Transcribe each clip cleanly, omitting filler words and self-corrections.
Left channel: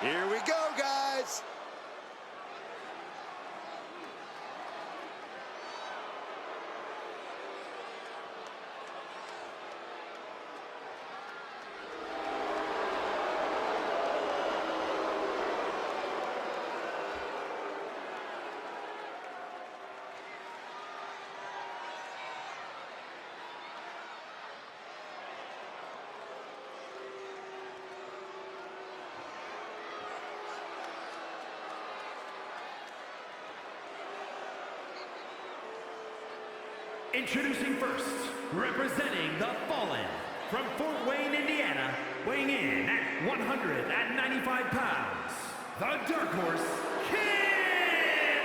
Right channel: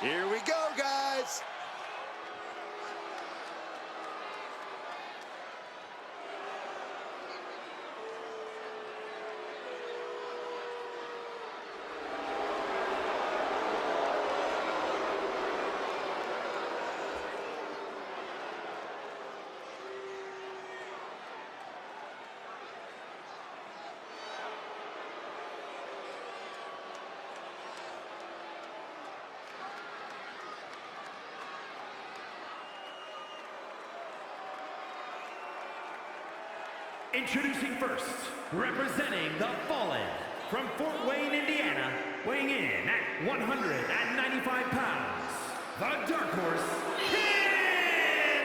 Here we go, guys. Introducing first, representing the Fallen, from Fort Wayne, Indiana, weighing in at 195 pounds, the Dark Horse, Kenny!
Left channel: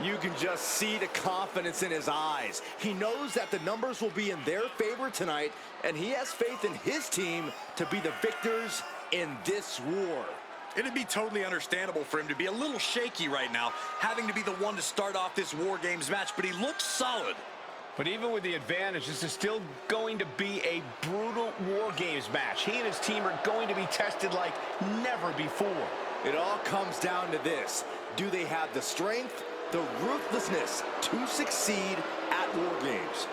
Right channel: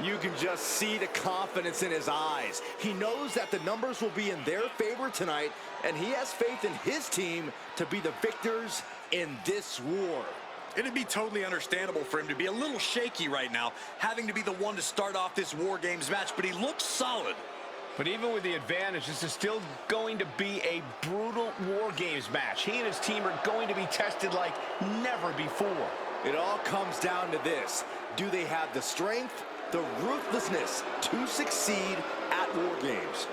You can just see the confidence in his eyes. He knows that the numbers will be in their favor tonight, and he has faith in his team to be the victors in this war. It'd be totally understandable for him to be a little shaky right now, having to be the one to start off this WarGames match, but he looks solid. But even with the advantage, this is still going to be a brutal WarGames match. He and his team are going to be tested like never before. It all comes down to this. Do they have the strength, the ruthlessness to succeed at WarGames?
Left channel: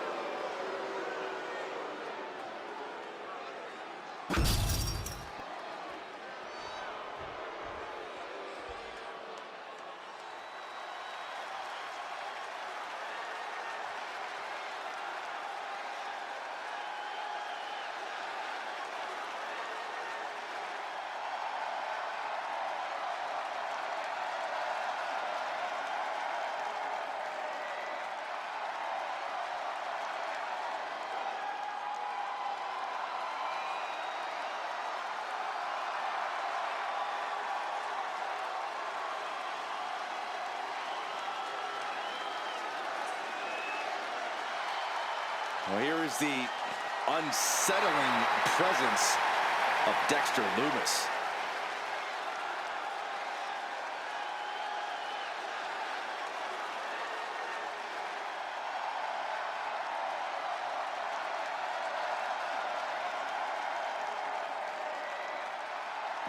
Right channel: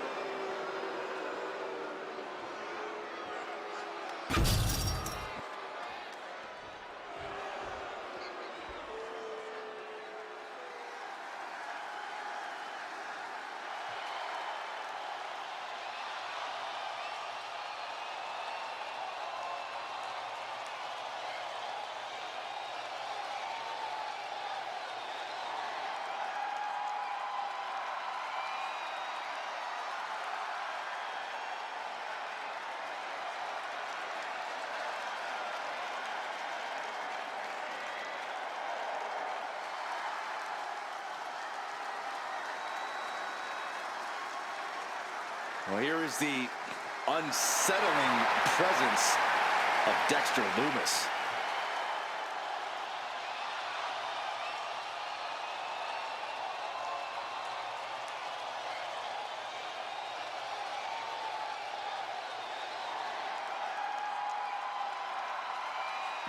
Well, here is the unsettling presence of Dexter Lumis.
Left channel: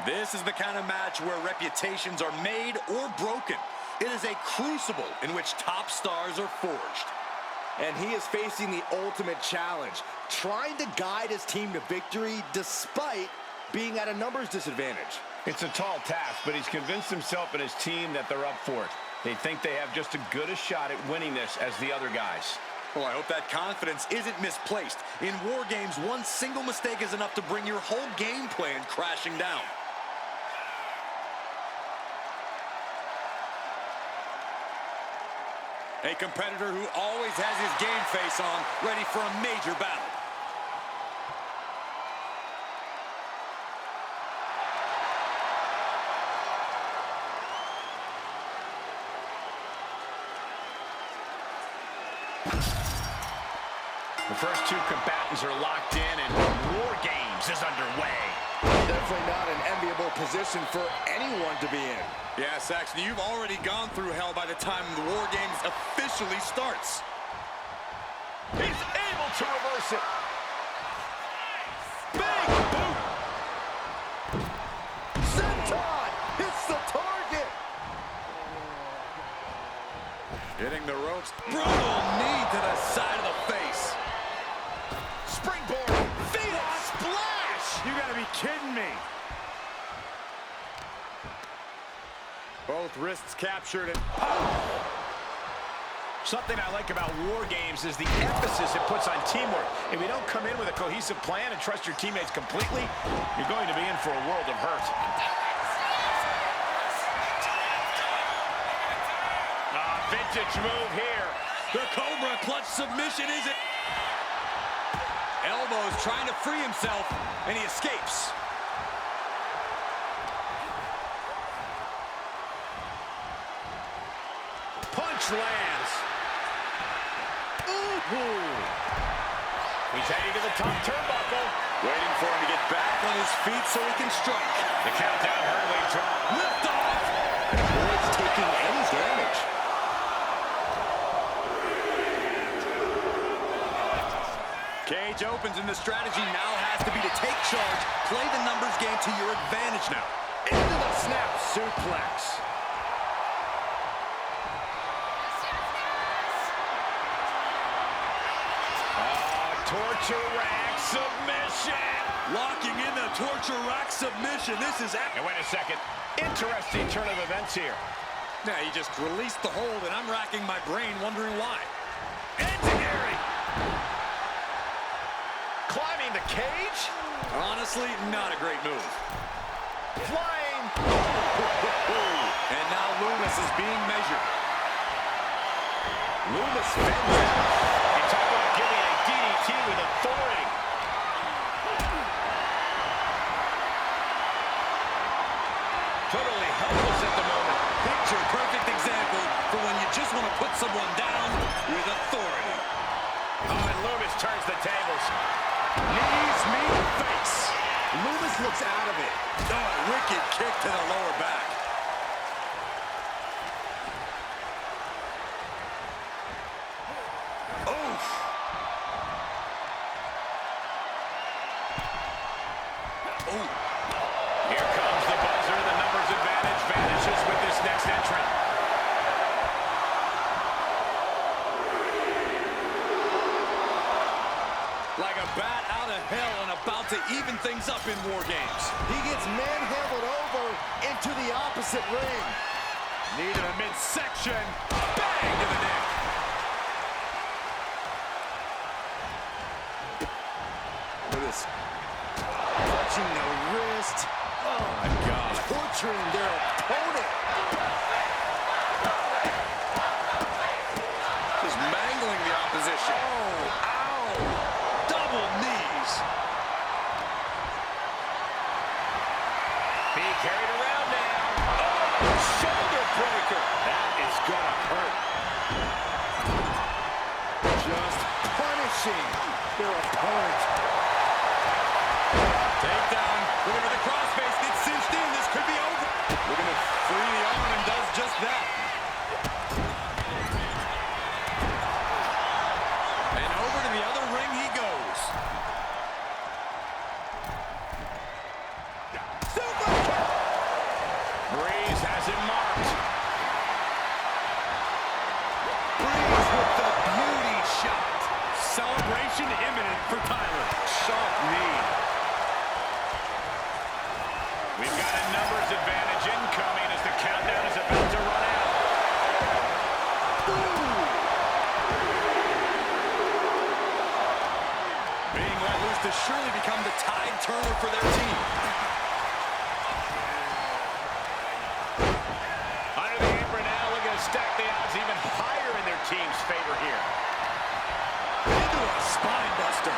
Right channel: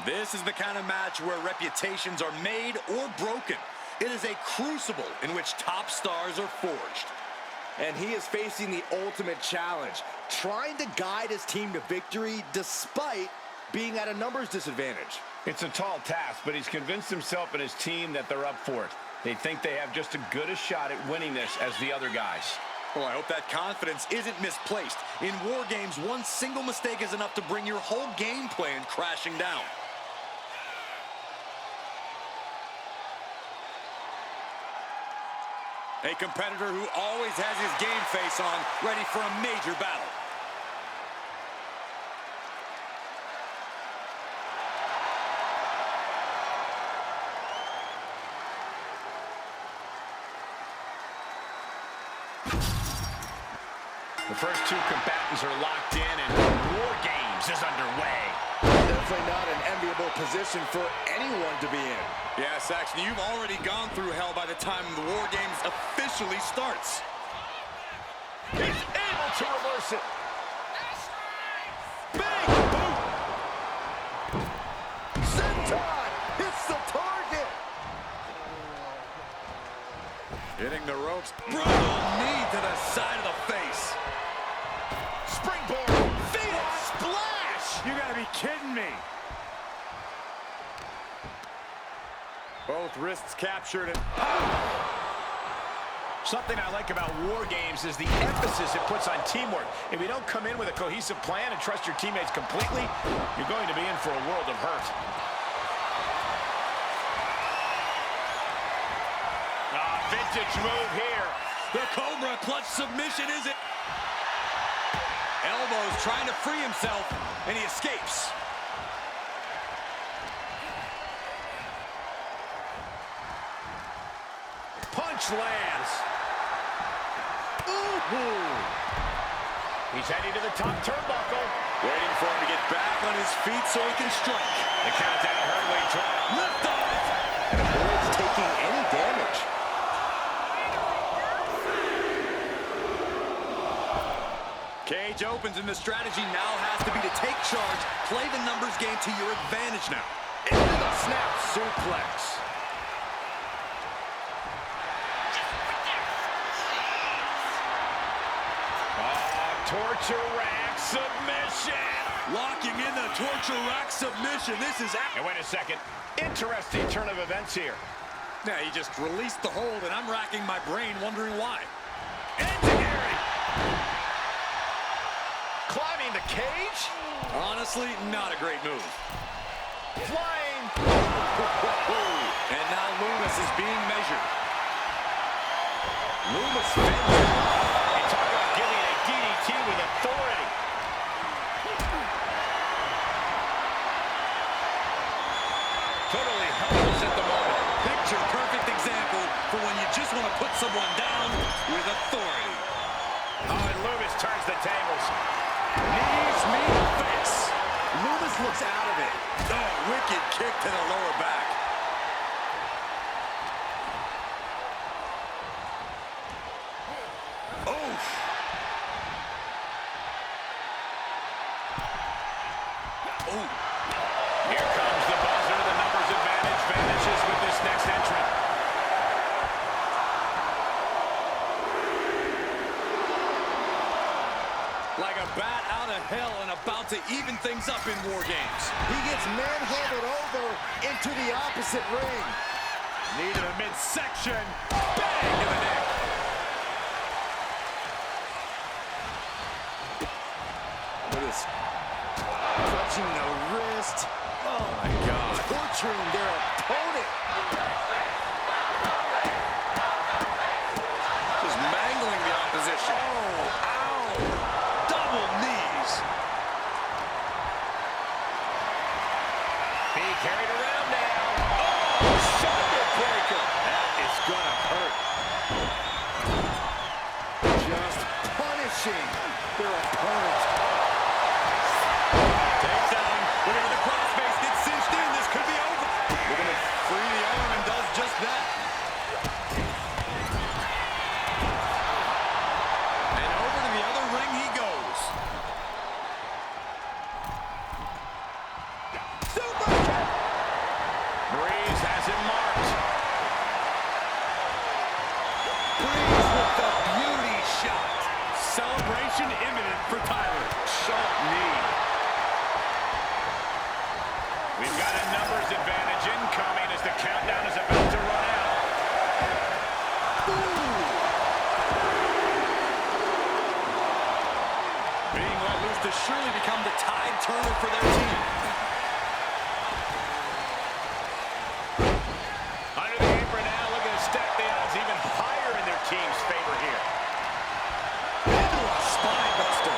This is the kind of match where reputations are made or broken. It is a crucible in which top stars are forged. And he is facing the ultimate challenge, trying to guide his team to victory despite being at a numbers disadvantage. It's a tall task, but he's convinced himself and his team that they're up for it. They think they have just as good a shot at winning this as the other guys. Well, I hope that confidence isn't misplaced. In WarGames, one single mistake is enough to bring your whole game plan crashing down. A competitor who always has his game face on, ready for a major battle. The first two combatants are locked in, and WarGames is underway. Definitely not an enviable position for anyone to be in. Yeah, Saxon, you've already gone through hell by the time the WarGames officially starts. He's able to reverse it. Big boot! Senton hits the target. Hitting the ropes. Brutal knee to the side of the face. Springboard. Phoenix splash! You gotta be kidding me. Both wrists captured and Something I like about WarGames is the emphasis it puts on teamwork. If you don't come in with a cohesive plan and trust your teammates completely, you're going to be in for a world of hurt. Vintage move here. the Cobra clutch submission is it. Elbows trying to free himself, and he escapes. Punch lands. Ooh. He's heading to the top turnbuckle. Waiting for him to get back on his feet so he can strike. The countdown hurtling to Lift off. And avoids taking any damage. Cage opens, and the strategy now has to be to take charge, play the numbers game to your advantage now. Into the snap suplex. Torture rack submission. Locking in the torture rack submission. This is... And wait a second. Interesting turn of events here. Now, he just released the hold, and I'm racking my brain wondering why. Enzuigiri. Climbing the cage. Honestly, not a great move. Flying. And now Loomis is being measured. Loomis fends off. And talk about giving a DDT with authority. Totally helpless at the moment. Picture perfect example for when you just want to put someone down with authority. Oh, and Loomis turns the tables. Knees meet face. Loomis looks out of it. Oh, wicked kick to the lower back. Oof. Oh. Here comes the buzzer. The numbers advantage vanishes with this next entrant. Like a bat out of hell and about to even things up in WarGames. He gets manhandled over into the opposite ring. Knee to the midsection. Bang to the neck. Look at this. Clutching the wrist. Oh, my God. Torturing their opponent. Just mangling the opposition. Oh, ow. Double knees. Being carried around now. Oh, shoulder breaker. That is gonna hurt. Just punishing their opponent. Takedown. Looking for the crossface. Gets cinched in. This could be over. Looking to free the arm and does just that. And over to the other ring he goes. Super kick. Breeze has him marked. Breeze with the beauty shot. Celebration imminent for Tyler. Sharp knee. We've got a numbers advantage incoming as the countdown is about to run out. Being let loose to surely become the tide turner for their team. Under the apron now, looking to stack the odds even higher in their team's favor here. Into a spine buster.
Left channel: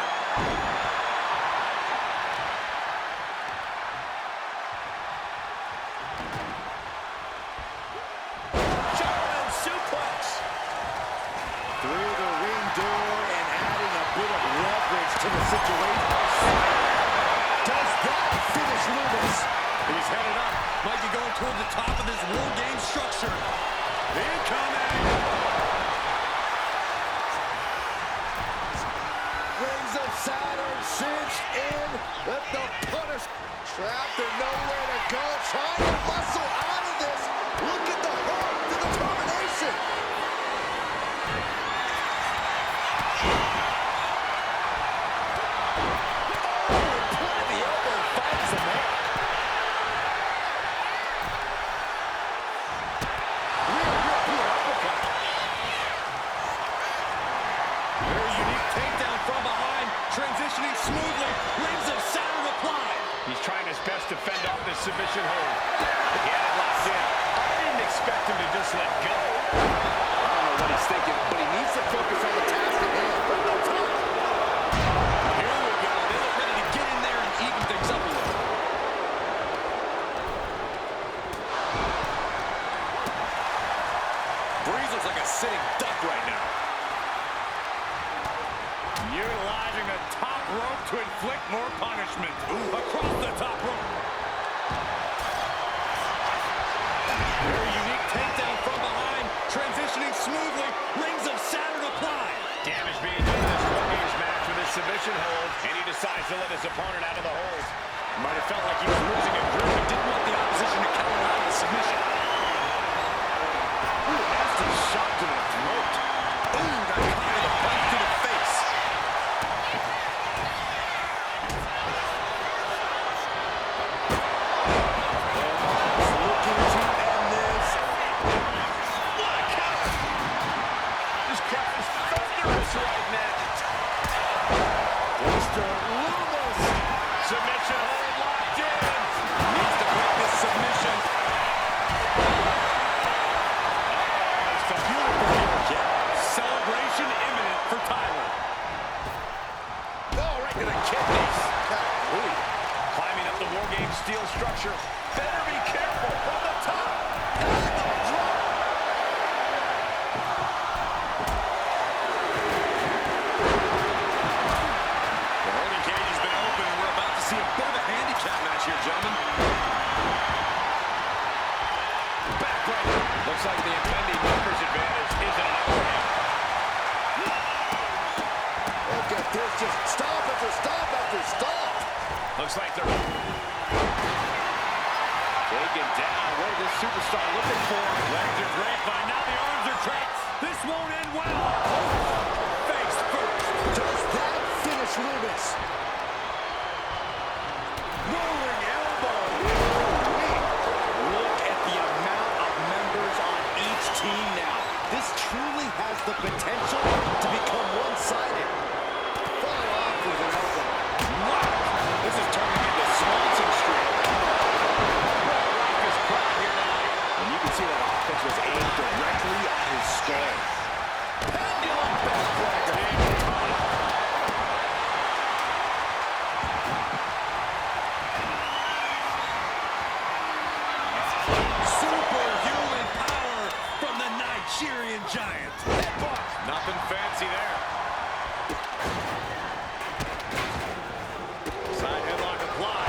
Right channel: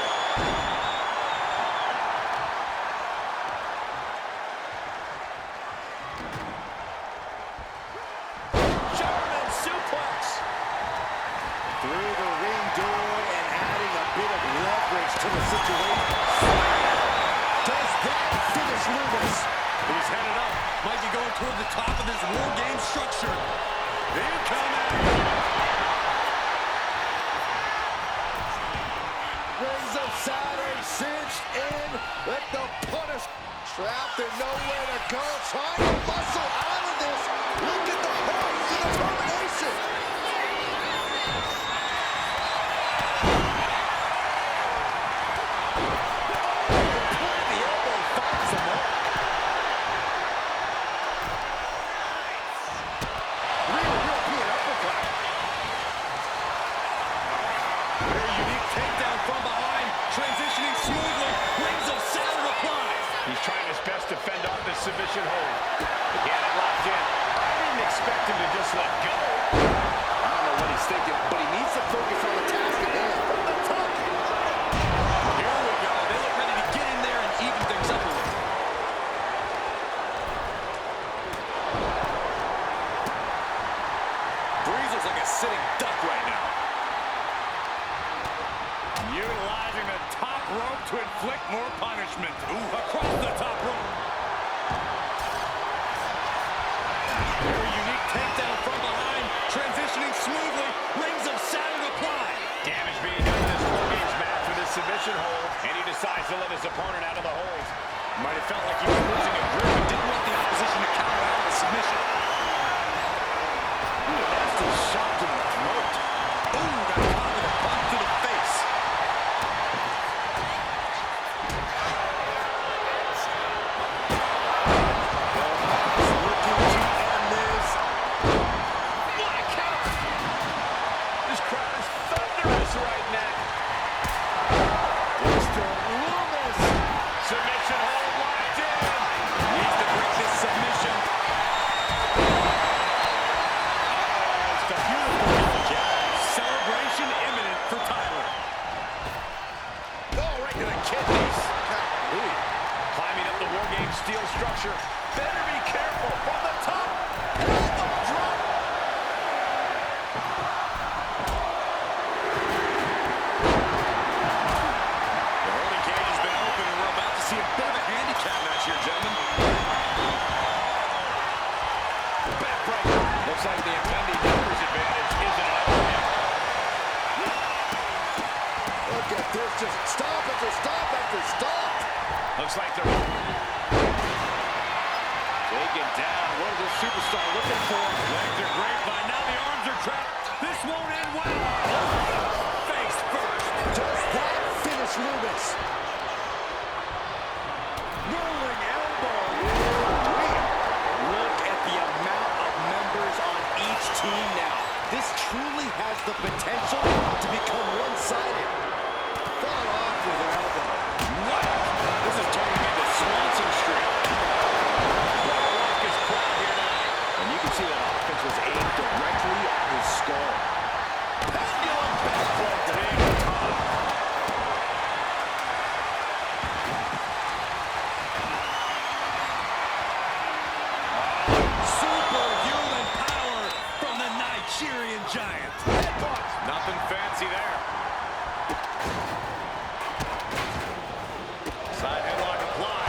German suplex. Through the ring door and adding a bit of leverage to the situation. Does that finish Loomis? He's headed up. Might be going toward the top of this WarGames structure. Incoming. Rings of Saturn cinched in. Let the punish. Trapped and nowhere to go. Trying to muscle out of this. Look at the heart, the determination. The elbow finds the mark. Real European uppercut. Very unique takedown from behind. Transitioning smoothly. Rings of Saturn applied. He's trying his best to fend off this submission hold. He had it locked in. I didn't expect him to just let go. I don't know what he's thinking, but he needs to focus on the task at hand. From the top. Here we go. They look ready to get in there and even things up a little. Breeze looks like a sitting duck right now. Utilizing the top rope to inflict more punishment. Ooh, across the top rope. Very unique takedown from behind. Transitioning smoothly. Rings of Saturn applied. Damage being done in this WarGames match with this submission submission hold, and he decides to let his opponent out of the hold. Might have felt like he was losing a grip and didn't want the opposition to counter out of the submission. Ooh, nasty shot to the throat. Ooh, got caught with a bump to the face. Looking to end this. What a counter! This crowd is thunderous right now. Mr. Loomis. Submission hold locked in. Needs to break this submission. It's a beautiful heel kick. Celebration imminent for Tyler. Oh, right to the kidneys. Golly. Climbing up the WarGames steel structure. Better be careful from the top. Elbow drop. The holding cage has been open, and we're about to see a bit of a handicap match here, gentlemen. Backbreaker. Looks like the impending numbers advantage isn't enough for him. Look at this, just stop after stop after stop. Looks like they're taken down. What is this superstar looking for? Legs are grapevine. Now the arms are trapped. This won't end well. Face first. Does that finish Loomis? Rolling elbow. Look at the amount of members on each team now. This truly has the potential to become one-sided. Fought off with an elbow. What? This is turning into Swanson Street. Raucous crowd here tonight. And you can see that offense was aimed directly at his skull. Pendulum backbreaker. Big time. Superhuman power from the Nigerian Giant. Headbutt. Nothing fancy there. Side headlock applied.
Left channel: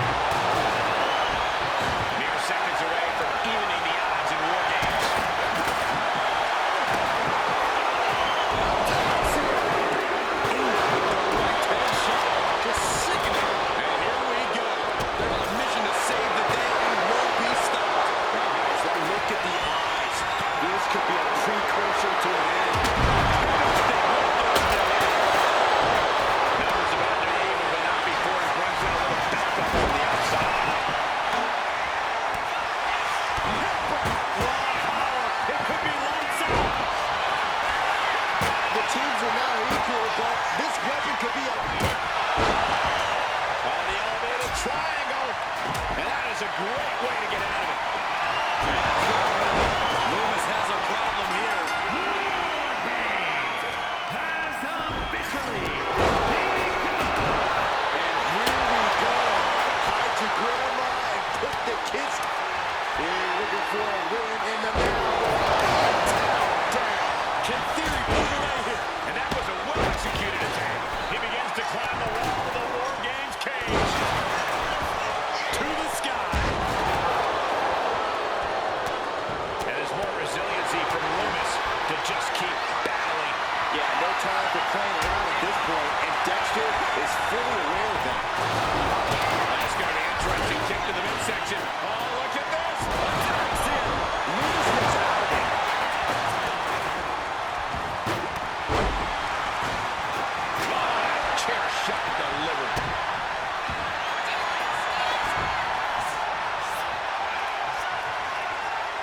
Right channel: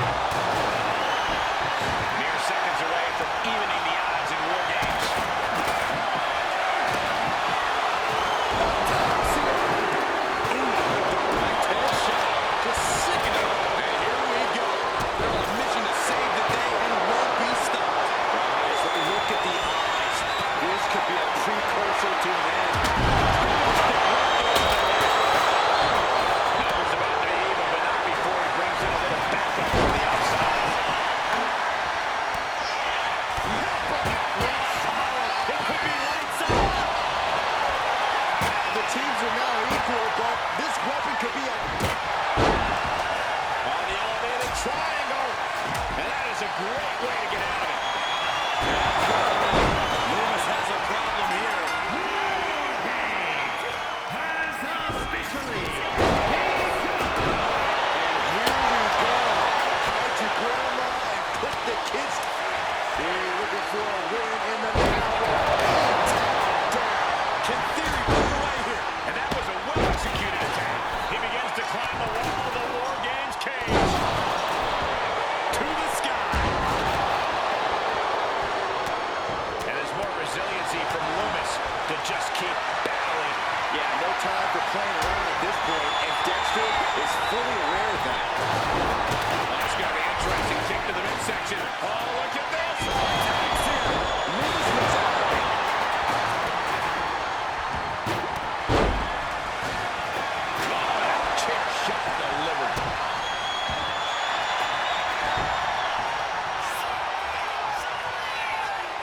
Mere seconds away from evening the odds in WarGames. The direct headshot. Just sickening. And here we go. They're on a mission to save the day and won't be stopped. Guys, look at the eyes. This could be a precursor to an end. Numbers about to be even, but not before he brings in a little backup from the outside. It could be lights out. The teams are now equal, but this weapon could be a... On the elevated triangle. And that is a great way to get out of it. Loomis has a problem here. WarGames has officially begun. And here we go. Hide your grandma and put the kids... They're looking for a win in the now. Down. Can Theory pull away here? And that was a well-executed attack. He begins to climb the wall of the WarGames cage. To the sky. And there's more resiliency from Loomis to just keep battling. Yeah, no time for playing around at this point, and Dexter is fully aware of that. Let's go to interesting kick to the midsection. Oh, look at this. Attacks here. Loomis gets out of it. Oh, that chair shot delivered.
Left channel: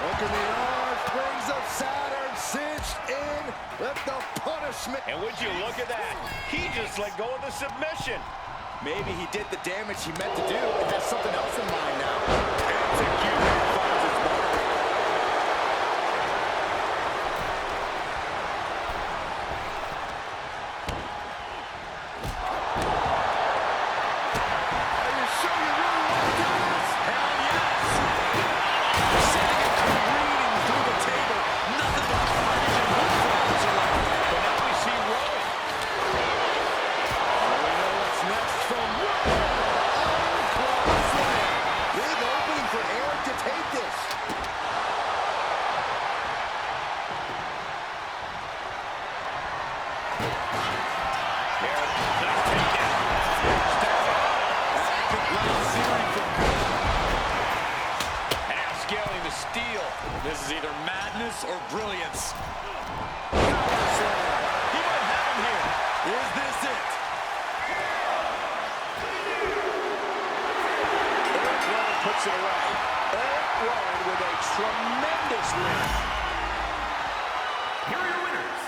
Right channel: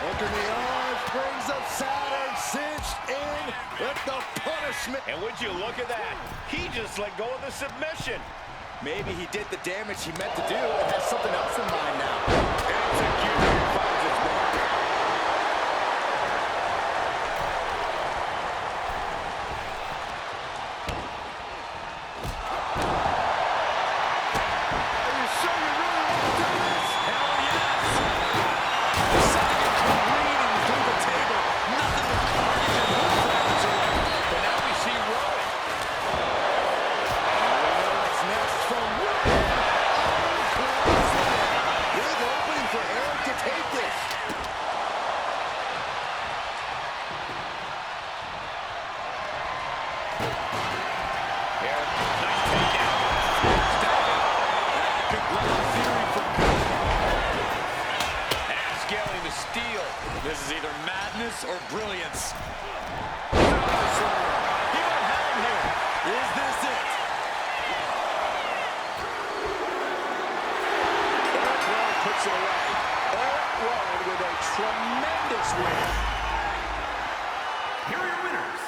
Look in the arms, brings up Saturn, cinched in with the punishment. And would you look at that? He just let go of the submission. Maybe he did the damage he meant to do and has something else in mind now. Execution finds its mark. Are you sure you really want to do this? Hell yes. Sending it careening through the table. Nothing but carnage and hook grabs are left. But now we see Rowan. We know what's next from Wyatt. Ironclad slam. Big opening for Eric to take this. Here, nice takedown. steel. This is either madness or brilliance. Power slam. He might have him here. Is this it? Eric Rowan puts it away. Eric Rowan with a tremendous win. Here are your winners.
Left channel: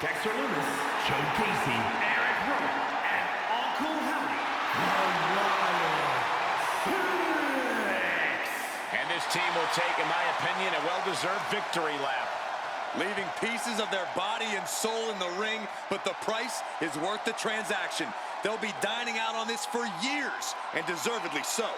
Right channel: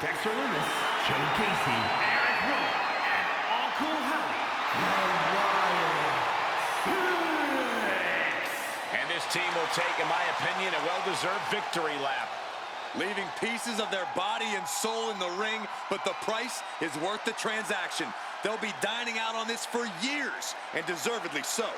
Dexter Lumis, Joe Casey, Eric Rowan, and Uncle Howdy. And this team will take, in my opinion, a well-deserved victory lap. Leaving pieces of their body and soul in the ring, but the price is worth the transaction. They'll be dining out on this for years, and deservedly so.